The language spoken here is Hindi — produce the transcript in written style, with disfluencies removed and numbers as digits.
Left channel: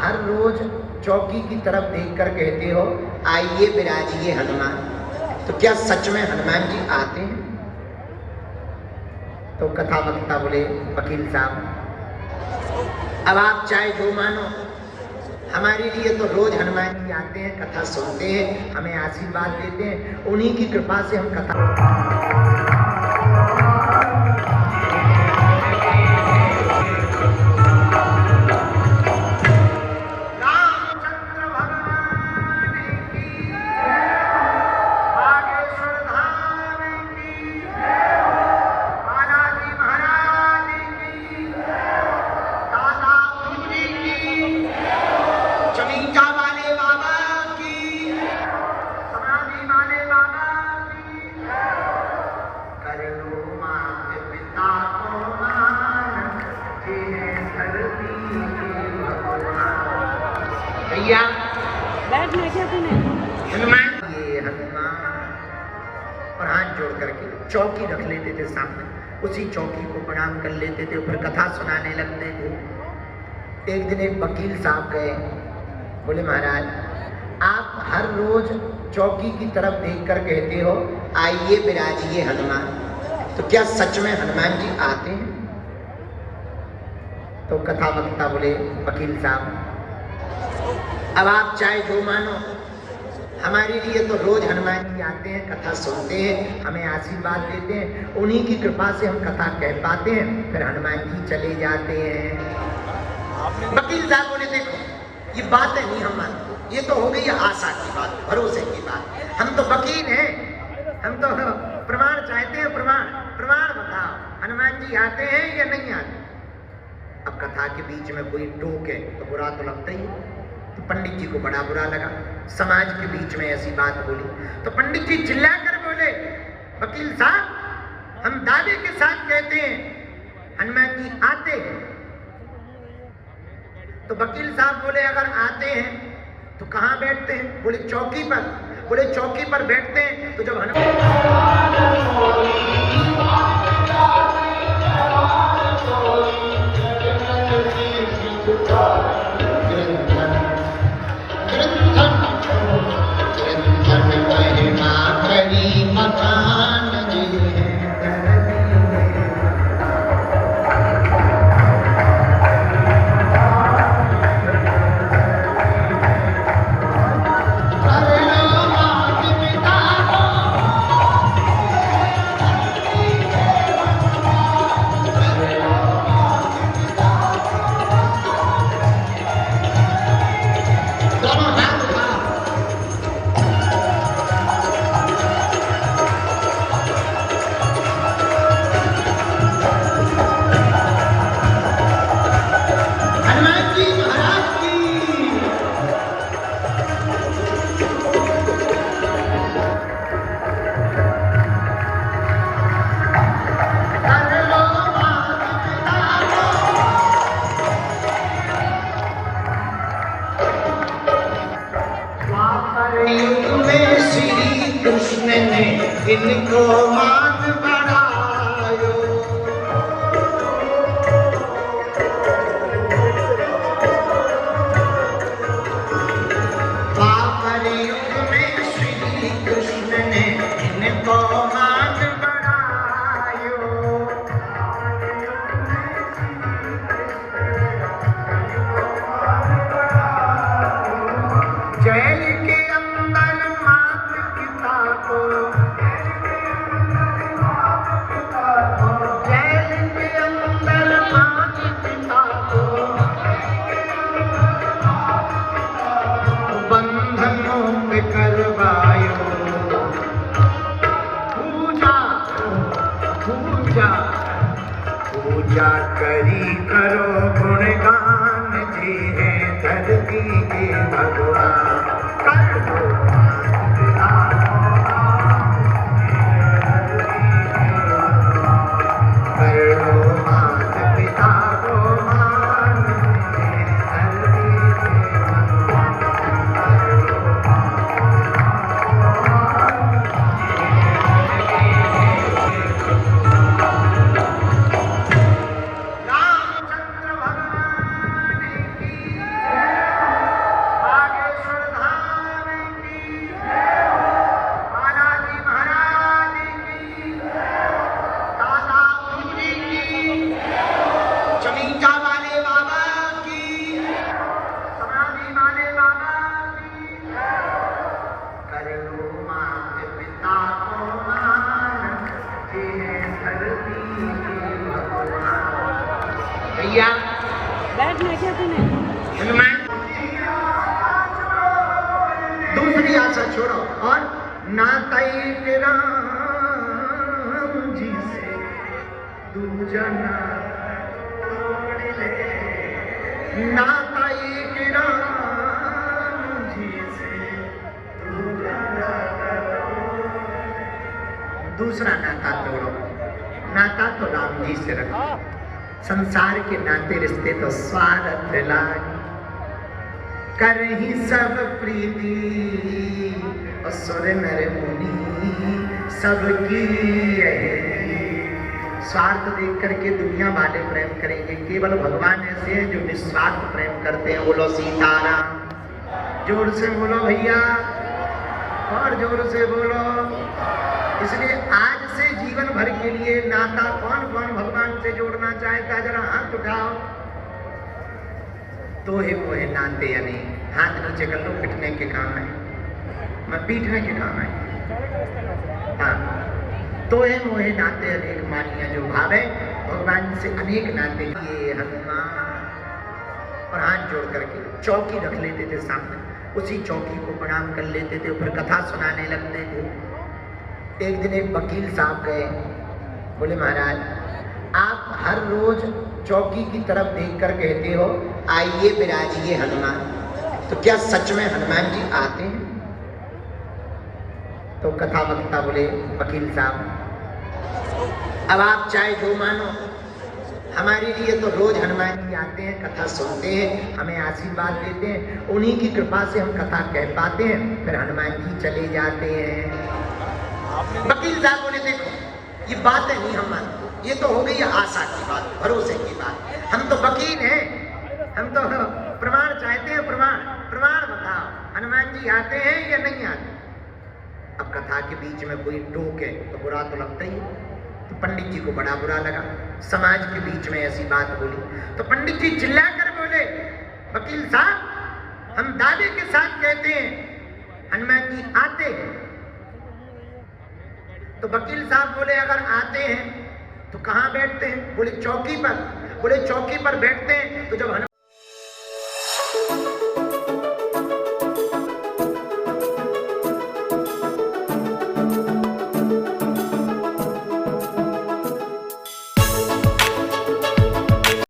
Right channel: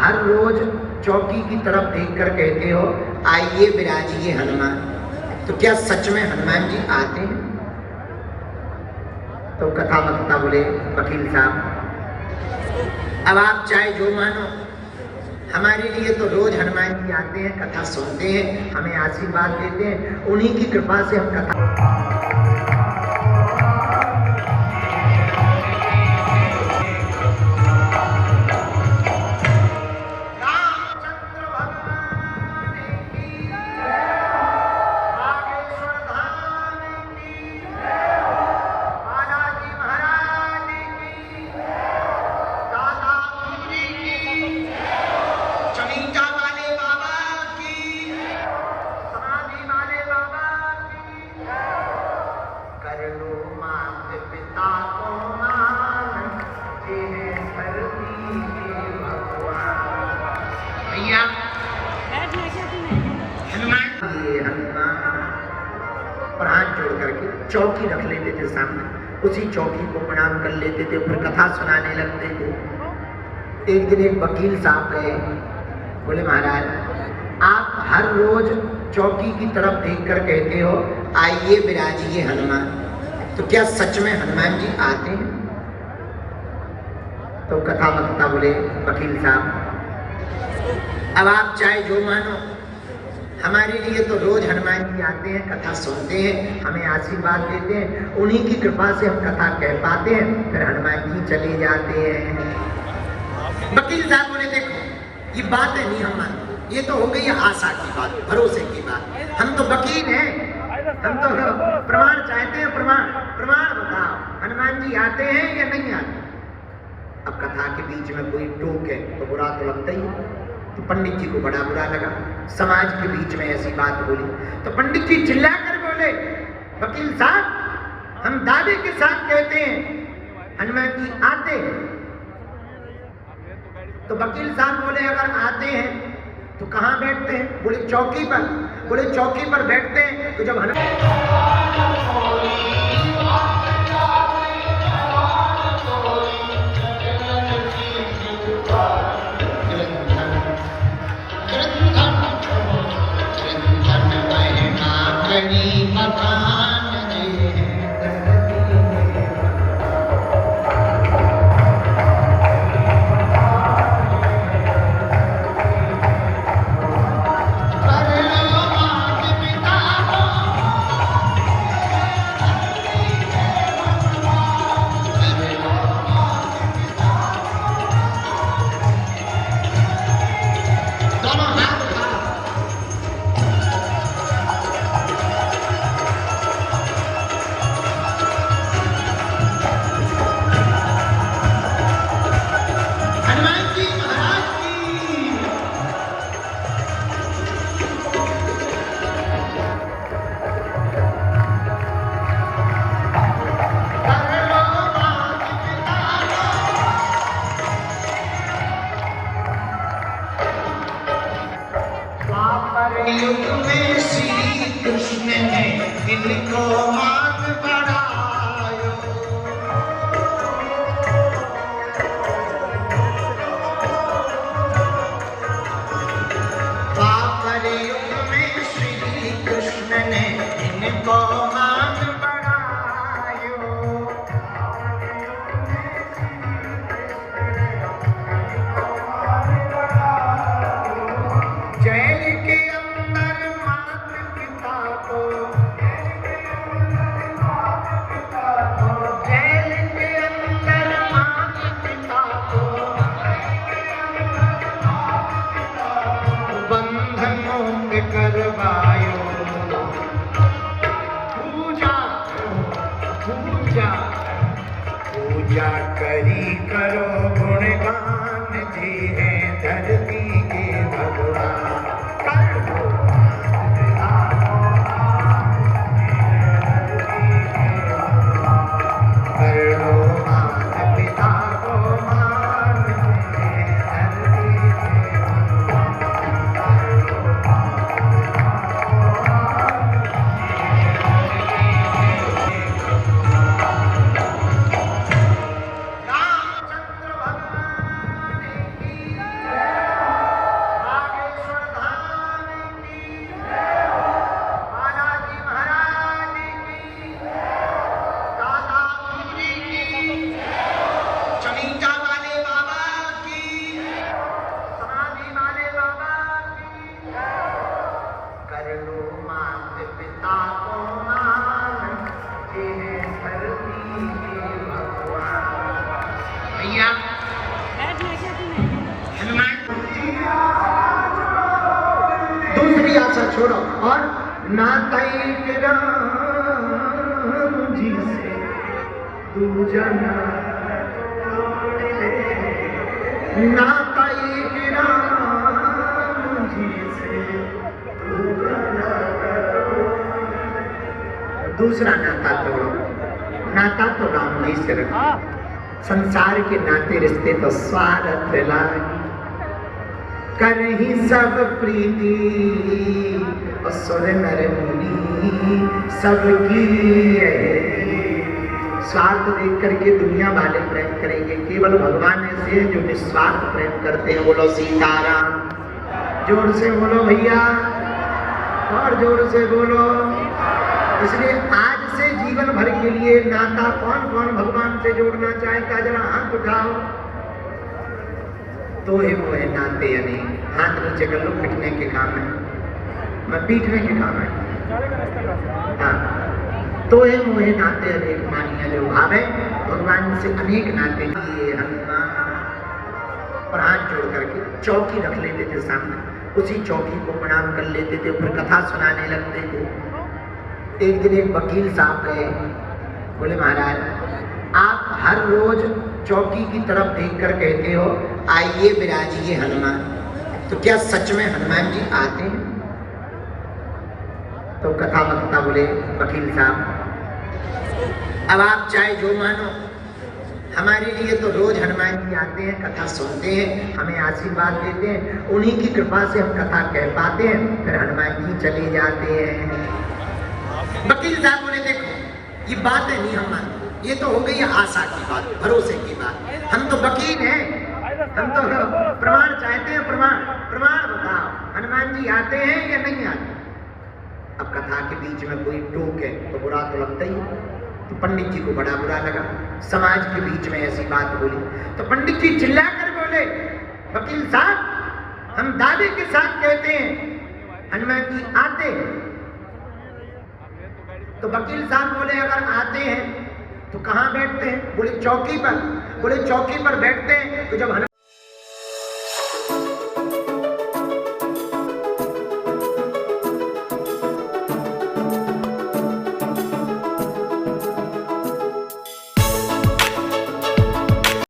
हर रोज चौकी की तरफ देखकर कहते हो आइए विराजिए हनुमान, तो क्या सच में हनुमान जी आते हैं? तो कथा वक्ता बोले वकील साहब, अब आप चाहे जो मानो, हमारे लिए तो रोज हनुमान जी आते हैं, कथा सुनते हैं, हमें आशीर्वाद देते हैं, उन्हीं की कृपा से हम कथा और हाथ जोड़ करके चौकी रख लेते थे सामने, उसी चौकी को प्रणाम कर लेते थे, फिर कथा सुनाने लगते थे। एक दिन एक वकील साहब गए, बोले महाराज आप हर रोज चौकी की तरफ देखकर कहते हो आइए विराजिए हनुमान, तो क्या सच में हनुमान जी आते हैं? तो कथा वक्ता बोले वकील साहब, अब आप चाहे जो मानो, हमारे लिए तो रोज हनुमान जी आते हैं, कथा सुनते हैं, हमें आशीर्वाद देते हैं, उन्हीं की कृपा से हम कथा कह पाते हैं, फिर हनुमान जी चले जाते हैं। वकील साहब बोले देखो ये बात है नहीं, हम ये तो हो गई आशा की बात, भरोसे की बात, हम तो वकील हैं, हम तो प्रमाण चाहते हैं, प्रमाण बताओ हनुमान जी आते हैं या नहीं आते? अब कथा के बीच में कोई टोके तो बुरा तो लगता ही, तो पंडित जी को बड़ा बुरा लगा, समाज के बीच में ऐसी बात बोली, तो पंडित जी चिल्लाकर बोले वकील साहब हम दावे के साथ कहते हैं हनुमान जी आते हैं। तो वकील साहब बोले अगर आते हैं तो कहाँ बैठते हैं? बोले चौकी पर। बोले चौकी पर बैठते हैं तो जब कृष्ण ने इनको मान बनायो, पापर युग में श्री कृष्ण ने इनको मान बनायो। जेल के अंदर मात पिता को हनुमान दूसरी आशा छोड़ो और नाता राम जी से दूजा नाता राम जी से दूसरा नाता तोड़ो। नाता तो राम जी से रखो। संसार के नाते रिश्ते तो स्वार्थ लागी करही सब प्रीति असुर नर मुनि सबकी स्वार्थ देख करके दुनिया वाले प्रेम करेंगे। केवल भगवान ऐसे हैं जो निस्वार्थ प्रेम करते हैं। बोलो सीताराम। जोर से बोलो भैया और जोर से बोलो। इसलिए आज से जीवन भर के लिए नाता कौन कौन भगवान से जोड़ना चाहेगा? जरा हाथ उठाओ। तो ही वो है नाते अनेक। हाथ नीचे कर लो, पिटने के काम है, मैं पीटने के काम है। हाँ, तो है मोहे नाते अनेक मानिया जो भावे भगवान से अनेक नाते किए हनुमान। और हाथ जोड़ करके चौकी रख लेते थे सामने, उसी चौकी को प्रणाम कर लेते थे, फिर कथा सुनाने लगते थे। एक दिन एक वकील साहब गए, बोले महाराज आप हर रोज चौकी की तरफ देखकर कहते हो आइए विराजिए हनुमान, तो क्या सच में हनुमान जी आते हैं? तो कथा वक्ता बोले वकील साहब अब आप चाहे जो मानो, हमारे लिए तो रोज हनुमान जी आते हैं, कथा सुनते हैं, हमें आशीर्वाद देते हैं, उन्हीं की कृपा से हम कथा कह पाते हैं, फिर हनुमान जी चले जाते हैं। वकील साहब बोले देखो ये बातें नहीं हम मानते, ये तो हो गई आशा की बात, भरोसे की बात। हम तो वकील हैं, हम तो प्रमाण चाहते हैं। प्रमाण बताओ हनुमान जी आते हैं या नहीं आते? अब कथा के बीच में कोई टोके तो बुरा तो लगता ही। तो पंडित जी को बड़ा बुरा लगा, समाज के बीच में ऐसी बात बोली। तो पंडित जी चिल्लाकर बोले वकील साहब हम दावे के साथ कहते हैं हनुमान जी आते हैं। तो वकील साहब बोले अगर आते हैं तो कहाँ बैठते हैं? बोले चौकी पर। बोले चौकी पर बैठते हैं तो जब